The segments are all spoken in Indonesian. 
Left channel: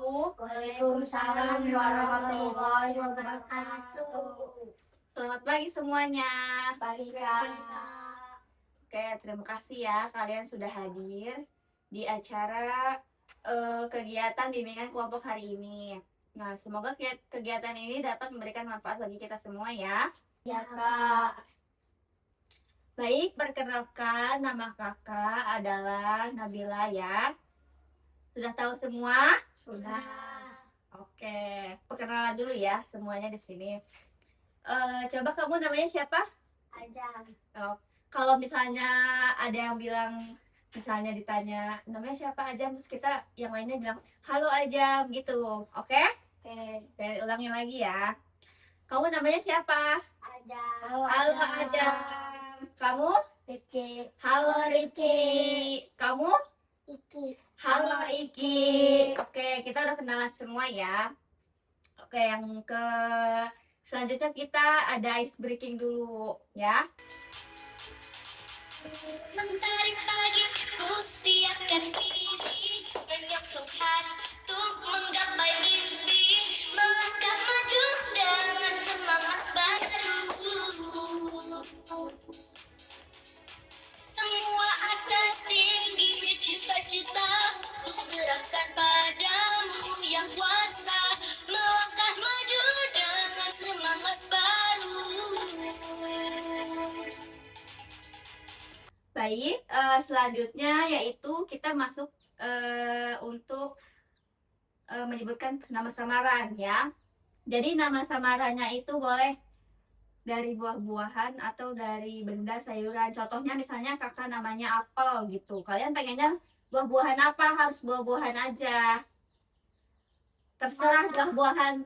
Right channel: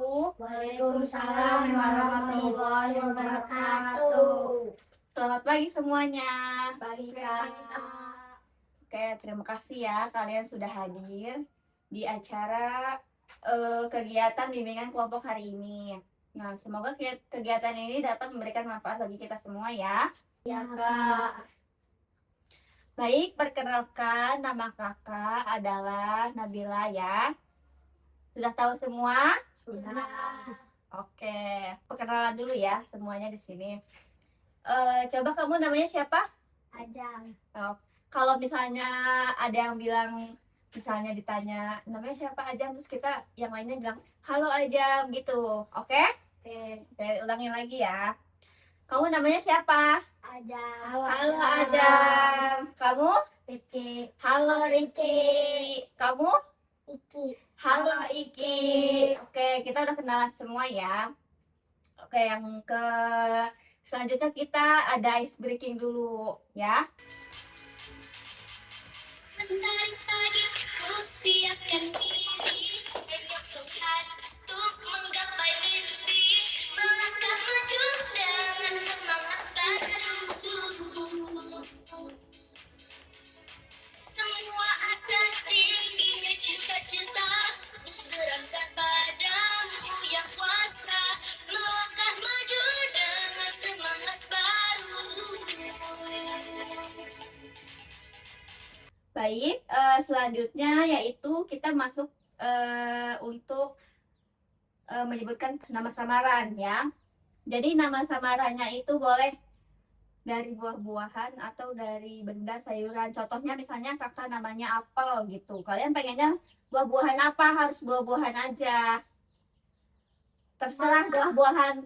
wabarakatuh. Waalaikumsalam warahmatullahi wabarakatuh. Selamat pagi semuanya. Pagi Kak. Oke, terima kasih ya kalian sudah hadir di acara kegiatan bimbingan kelompok hari ini. Nah, semoga kegiatan ini dapat memberikan manfaat bagi kita semua ya. Ya Kak. Baik, perkenalkan nama kakak adalah Nabila ya. Sudah tahu semua? Sudah. Oke, perkenalan dulu ya semuanya di sini. Coba kamu namanya siapa? Ajam. Oh, kalau misalnya ada yang bilang, misalnya ditanya namanya siapa Ajam, terus kita yang lainnya bilang halo Ajam gitu. Oke? Oke, ulangin lagi ya. Kamu namanya siapa? Ajam. Halo Ajam. Kamu? Rifki. Halo Rifki. Kamu? Iki. Halo Iki. Oke, kita udah kenalan semua ya. Oke, yang ke selanjutnya kita ada ice breaking dulu ya. Mentari pagi ku siapkan diri, menyongsong hari untuk menggapai mimpi, melangkah maju dengan semangat baru. Semua asa tingginya cita-cita ku serahkan padamu yang kuasa, melangkah maju dengan semangat baru. Baik, selanjutnya yaitu kita masuk untuk menyebutkan nama samaran ya. Jadi nama samarannya itu boleh dari buah-buahan atau dari benda sayuran. Contohnya misalnya kakak namanya apel gitu. Kalian pengennya buah-buahan apa? Harus buah-buahan aja. Terserah buah-buahan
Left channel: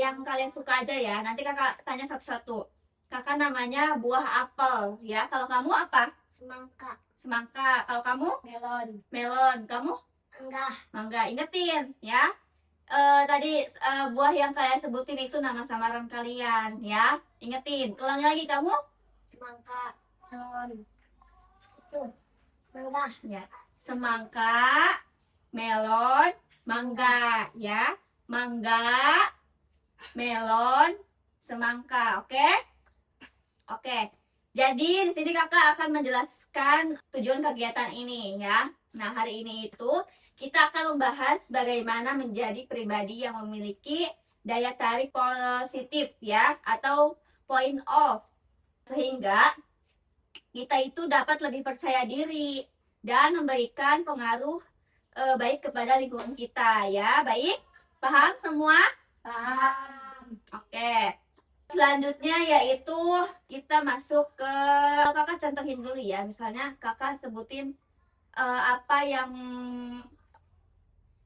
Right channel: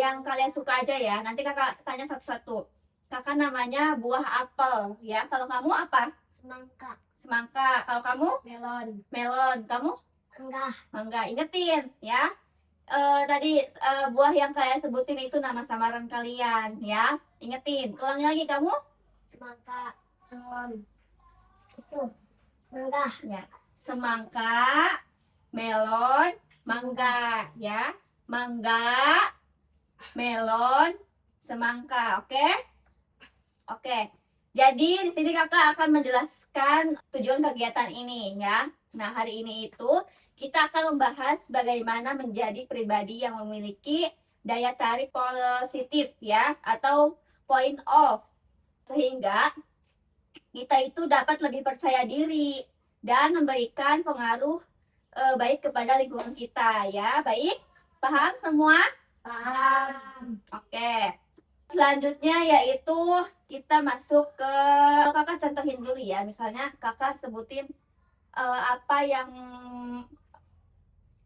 yang kalian suka aja ya. Nanti kakak tanya satu-satu. Kakak namanya buah apel ya. Kalau kamu apa? Semangka. Semangka. Kalau kamu? Melon. Melon. Kamu? Enggak. Mangga. Ingetin ya. Tadi buah yang kalian sebutin itu nama samaran kalian ya. Ingetin. Ulangi lagi kamu. Semangka. Melon. Itu. Mangga. Ya. Semangka, melon, mangga ya. Mangga, melon, semangka. Oke? Oke. Jadi di sini kakak akan menjelaskan tujuan kegiatan ini ya. Nah, hari ini itu kita akan membahas bagaimana menjadi pribadi yang memiliki daya tarik positif ya, atau point of, sehingga kita itu dapat lebih percaya diri dan memberikan pengaruh baik kepada lingkungan kita ya. Baik, paham semua? Paham. Oke. Selanjutnya yaitu kita masuk ke, kakak contohin dulu ya. Misalnya kakak sebutin apa yang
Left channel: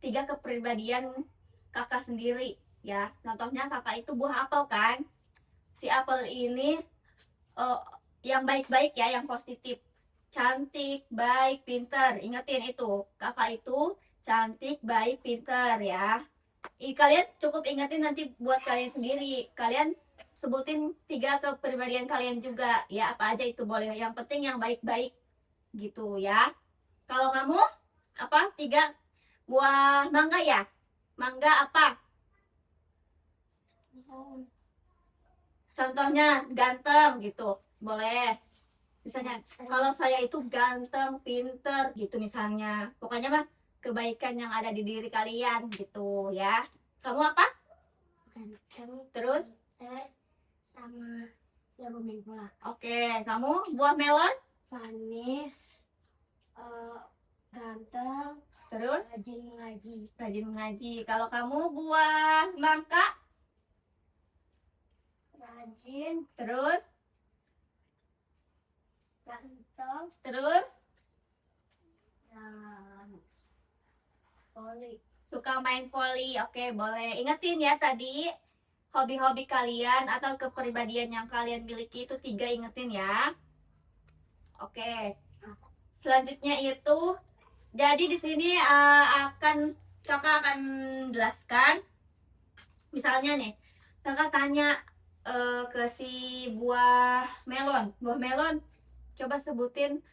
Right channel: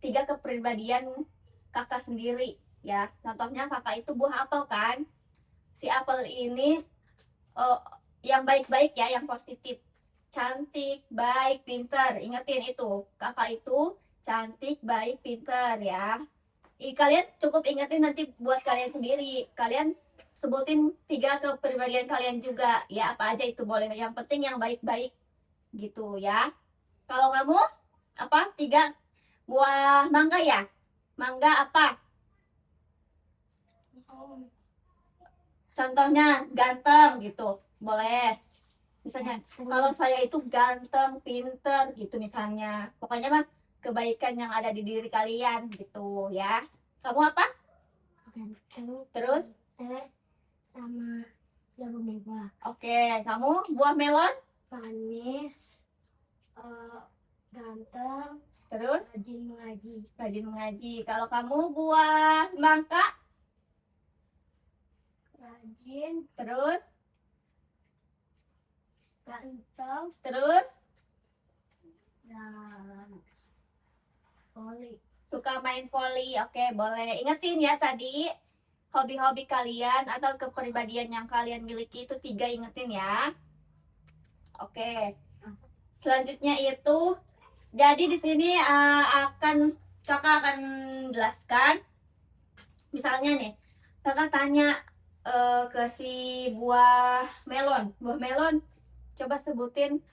3 kepribadian kakak sendiri ya. Contohnya kakak itu buah apel kan. Si apel ini yang baik-baik ya, yang positif. Cantik, baik, pintar. Ingetin itu. Kakak itu cantik, baik, pintar ya. Kalian cukup ingetin nanti buat kalian sendiri. Kalian sebutin 3 kepribadian kalian juga ya, apa aja itu boleh. Yang penting yang baik-baik gitu ya. Kalau kamu apa? 3 buah mangga ya? Mangga apa? Contohnya ganteng gitu. Boleh. Misalnya kalau saya itu ganteng, pinter gitu misalnya. Pokoknya mah kebaikan yang ada di diri kalian gitu ya. Kamu apa? Ganteng. Terus? Sama jago main bola. Oke, kamu buah melon? Manis. Ganteng. Terus? Rajin mengaji. Rajin mengaji. Kalau kamu buah mangga? Rajin. Terus? Ganteng. Terus? Dan voli. Suka main voli. Oke, boleh. Ingetin ya tadi hobi-hobi kalian atau kepribadian yang kalian miliki itu 3, ingetin ya. Oke. Selanjutnya itu, jadi di sini kakak akan jelaskan. Misalnya nih, kakak tanya ke si buah melon. Buah melon, coba sebutin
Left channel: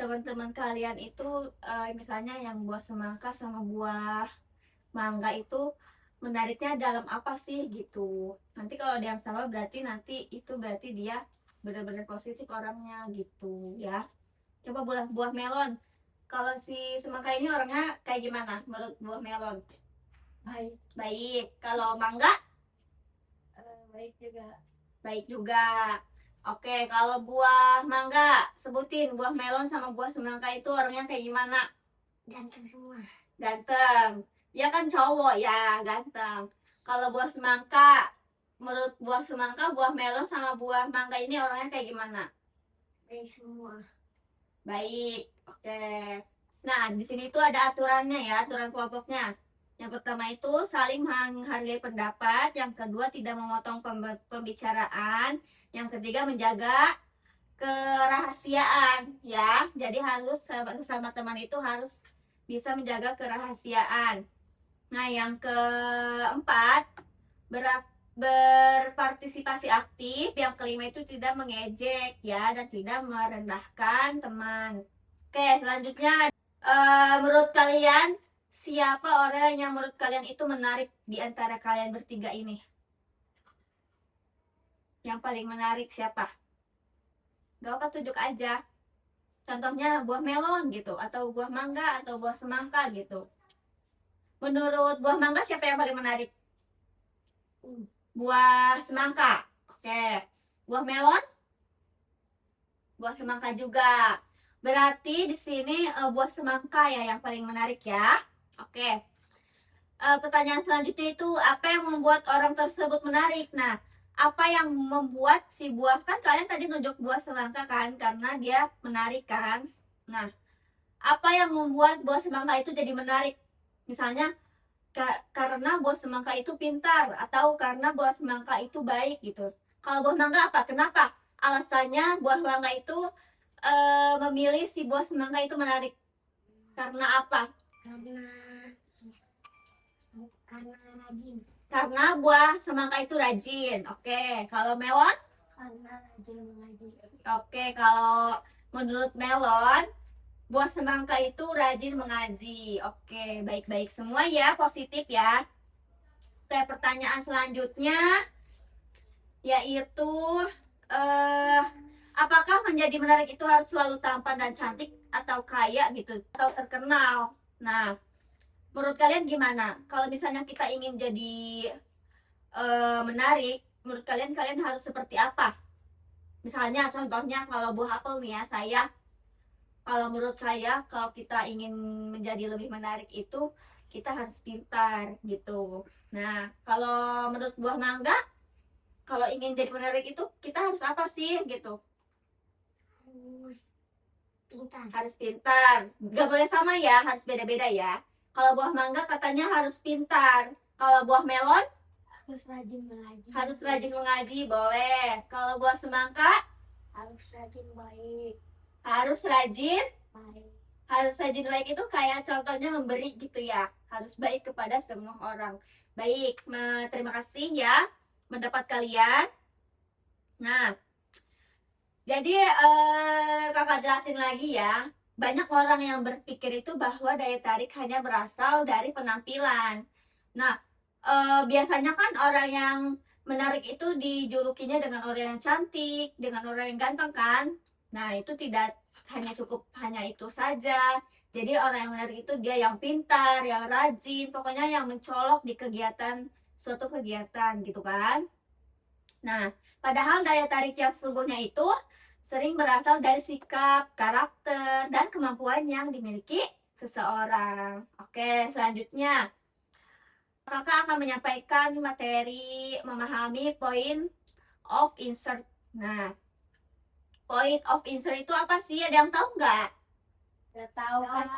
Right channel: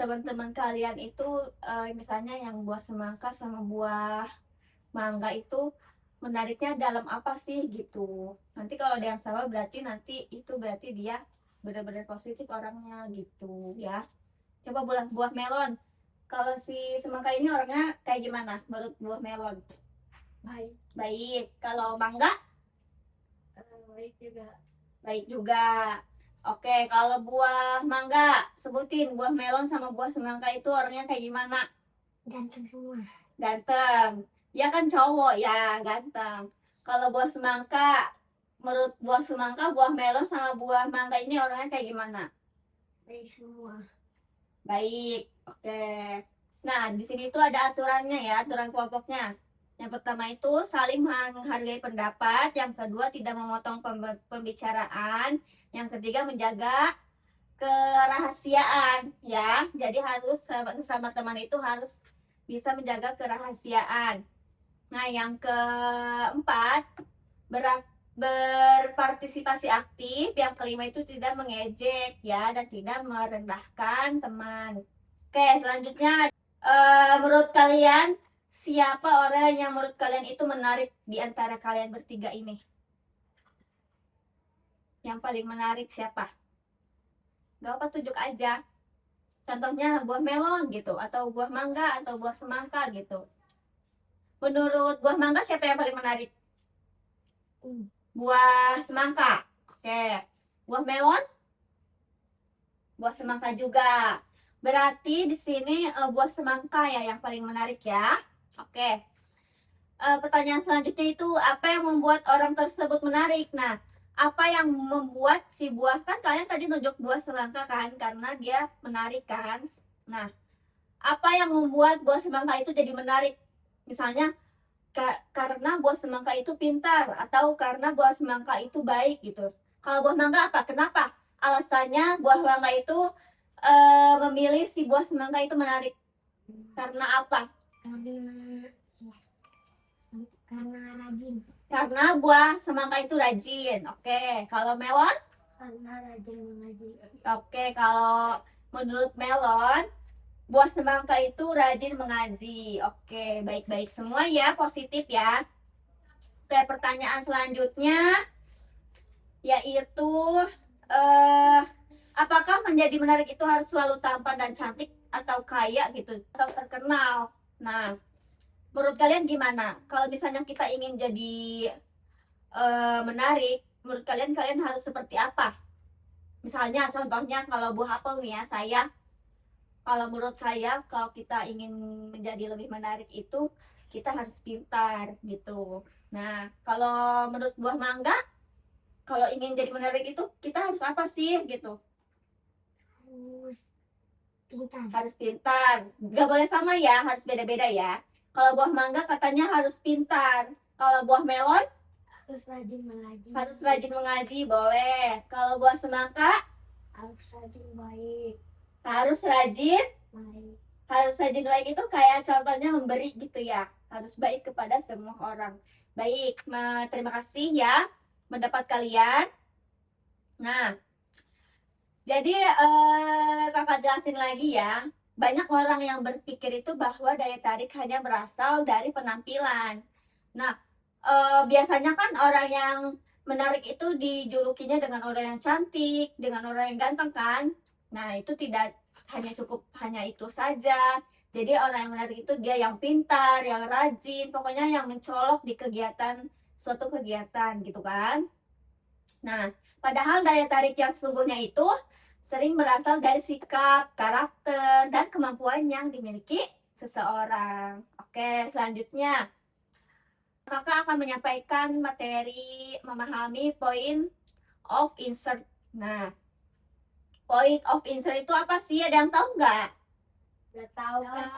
teman-teman kalian itu misalnya yang buah semangka sama buah Mangga itu menariknya dalam apa sih gitu. Nanti kalau ada yang sama berarti nanti itu berarti dia benar-benar positif orangnya gitu ya. Coba buah melon. Kalau si semangka ini orangnya kayak gimana menurut buah melon? Baik. Baik. Kalau mangga? Baik juga. Baik juga. Oke, kalau buah mangga, sebutin buah melon sama buah semangka itu orangnya kayak gimana? Ganteng semua. Ganteng. Ya kan cowok ya, ganteng. Kalau buah semangka, menurut buah semangka, buah melon sama buah mangga ini orangnya kayak gimana? Baik semua. Baik. Oke. Nah, di sini tuh ada aturannya ya, aturan kelompoknya. Yang pertama itu saling menghargai pendapat, yang kedua tidak memotong pembicaraan, yang ketiga menjaga kerahasiaan ya. Jadi harus sesama teman itu harus bisa menjaga kerahasiaan. Nah, yang keempat berpartisipasi aktif, yang kelima itu tidak mengejek ya dan tidak merendahkan teman. Oke, selanjutnya menurut kalian siapa orang yang menurut kalian itu menarik di antara kalian bertiga ini? Yang paling menarik siapa? Gak apa, tunjuk aja. Contohnya buah melon gitu, atau buah mangga, atau buah semangka gitu. Menurut buah mangga siapa yang paling menarik? Buah semangka. Oke. Buah melon? Buah semangka juga. Berarti di sini buah semangka ya yang paling menarik ya. Oke. Pertanyaan selanjutnya itu apa yang membuat orang tersebut menarik? Nah, apa yang membuat si buah, kan kalian tadi nunjuk buah semangka kan karena dia menarik kan. Nah, apa yang membuat buah semangka itu jadi menarik? Misalnya karena buah semangka itu pintar atau karena buah semangka itu baik gitu. Kalau buah mangga apa? Kenapa alasannya buah mangga itu memilih si buah semangka itu menarik? Karena apa? Karena rajin. Karena buah semangka itu rajin. Oke, kalau melon? Karena rajin mengaji. Oke, kalau menurut melon, buah semangka itu rajin mengaji. Oke, baik-baik semua ya, positif ya. Oke, pertanyaan selanjutnya yaitu apakah menjadi menarik itu harus selalu tampan dan cantik atau kaya gitu atau terkenal? Nah, menurut kalian gimana? Kalau misalnya kita ingin jadi menarik, menurut kalian harus seperti apa? Misalnya contohnya kalau buah apel nih ya, kalau menurut saya kalau kita ingin menjadi lebih menarik itu kita harus pintar gitu. Nah, kalau menurut buah mangga, kalau ingin jadi menarik itu kita harus apa sih gitu? Harus pintar. Harus pintar. Gak boleh sama ya, harus beda-beda ya. Kalau buah mangga katanya harus pintar. Kalau buah melon Harus rajin mengaji. harus rajin mengaji, boleh. Kalau buah semangka Harus rajin baik. harus rajin. Baik. Harus rajin baik itu kayak contohnya memberi gitu ya. Harus baik kepada semua orang. Baik, terima kasih ya mendapat kalian. Nah, jadi kakak jelasin lagi ya. Banyak orang yang berpikir itu bahwa daya tarik hanya berasal dari penampilan. Nah, biasanya kan orang yang menarik itu dijulukinya dengan orang yang cantik, dengan orang yang ganteng kan. Nah, itu tidak hanya itu saja. Jadi orang yang menarik itu dia yang pintar, yang rajin, pokoknya yang mencolok di suatu kegiatan gitu kan. Nah, padahal daya tarik yang sesungguhnya itu sering berasal dari sikap, karakter, dan kemampuan yang dimiliki seseorang. Oke, selanjutnya kakak akan menyampaikan materi memahami point of insert. Nah, point of insert itu apa sih? Ada yang tahu nggak? Udah tahu kan?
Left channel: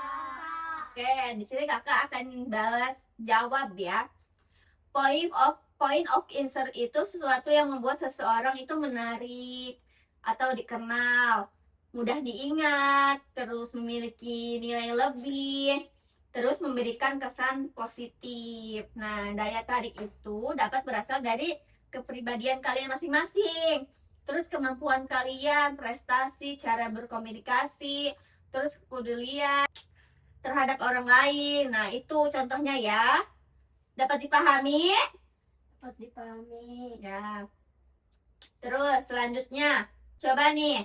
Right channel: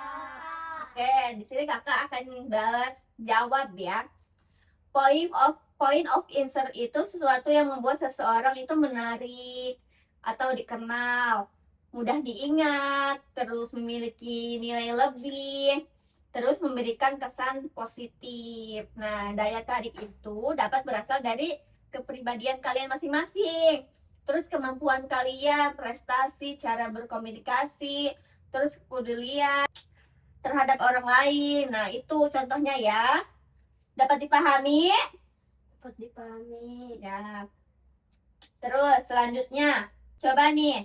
Oke, di sini kakak akan jawab ya. Point of insert itu sesuatu yang membuat seseorang itu menarik atau dikenal, mudah diingat, terus memiliki nilai lebih, terus memberikan kesan positif. Nah, daya tarik itu dapat berasal dari kepribadian kalian masing-masing, terus kemampuan kalian, prestasi, cara berkomunikasi, terus kepedulian terhadap orang lain. Nah, itu contohnya ya. Dapat dipahami? Dapat dipahami. Ya. Terus selanjutnya, coba nih,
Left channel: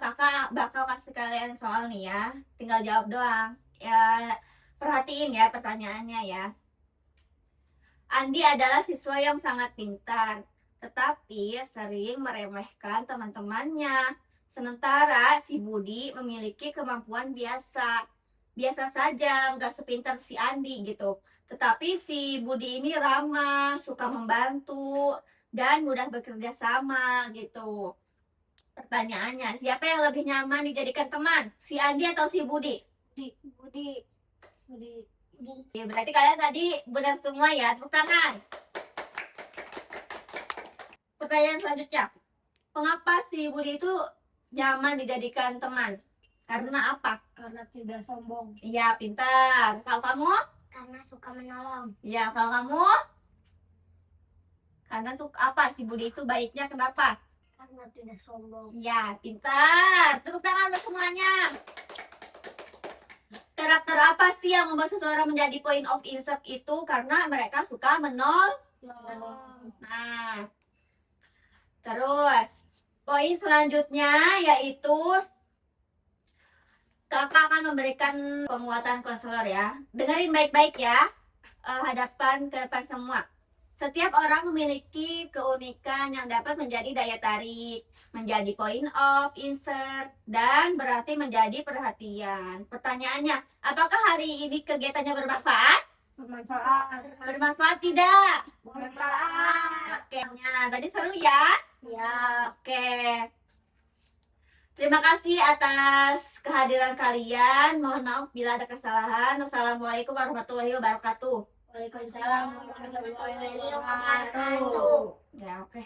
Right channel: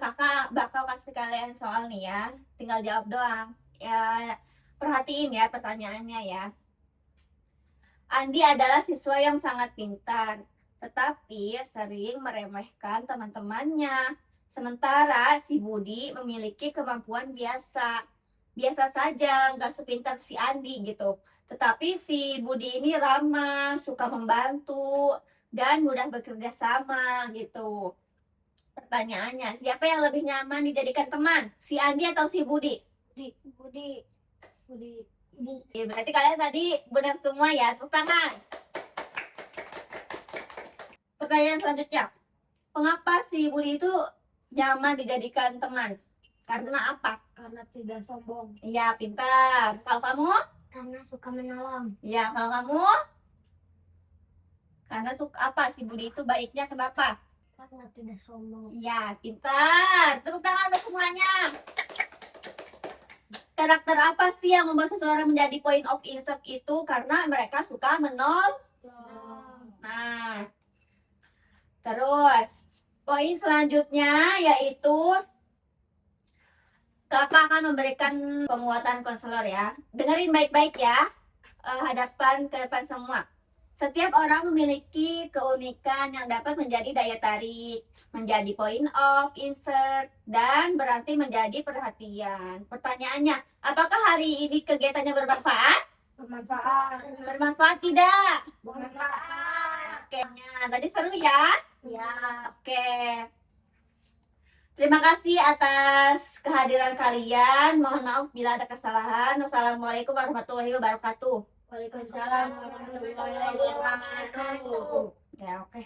kakak bakal kasih kalian soal nih ya. Tinggal jawab doang. Ya, perhatiin ya pertanyaannya ya. Andi adalah siswa yang sangat pintar, tetapi sering meremehkan teman-temannya. Sementara si Budi memiliki kemampuan biasa. Biasa saja, nggak sepintar si Andi gitu. Tetapi si Budi ini ramah, suka membantu, dan mudah bekerja sama gitu. Pertanyaannya, siapa yang lebih nyaman dijadikan teman? Si Andi atau si Budi? Budi. Oke, berarti kalian tadi benar semua ya, tepuk tangan. Pertanyaan selanjutnya, mengapa si Budi itu nyaman dijadikan teman? Karena apa? Karena tidak sombong. Iya, pintar. Kalau kamu? Karena suka menolong. Ya, kalau kamu? Karena suka apa? Si Budi itu baiknya kenapa? Karena tidak sombong. Ya, pintar. Tepuk tangan untuk semuanya. Karakter apa sih yang membuat seseorang menjadi point of interest itu? Karena mereka suka menolong. Nah, terus poin selanjutnya yaitu kakak akan memberikan penguatan konselor ya. Dengerin baik-baik ya, hadapan ke depan semua. Setiap orang memiliki keunikan yang dapat menjadi daya tarik, menjadi point of interest, dan berarti menjadi perhatian. Pertanyaannya, apakah hari ini kegiatannya bermanfaat? Bermanfaat. Bermanfaat tidak? Bermanfaat. Oke, nah, tadi seru ya? Ya. Oke. Terima kasih atas kehadiran kalian. Mohon maaf bila ada kesalahan. Wassalamualaikum warahmatullahi wabarakatuh. Waalaikumsalam warahmatullahi wabarakatuh. Ya, oke.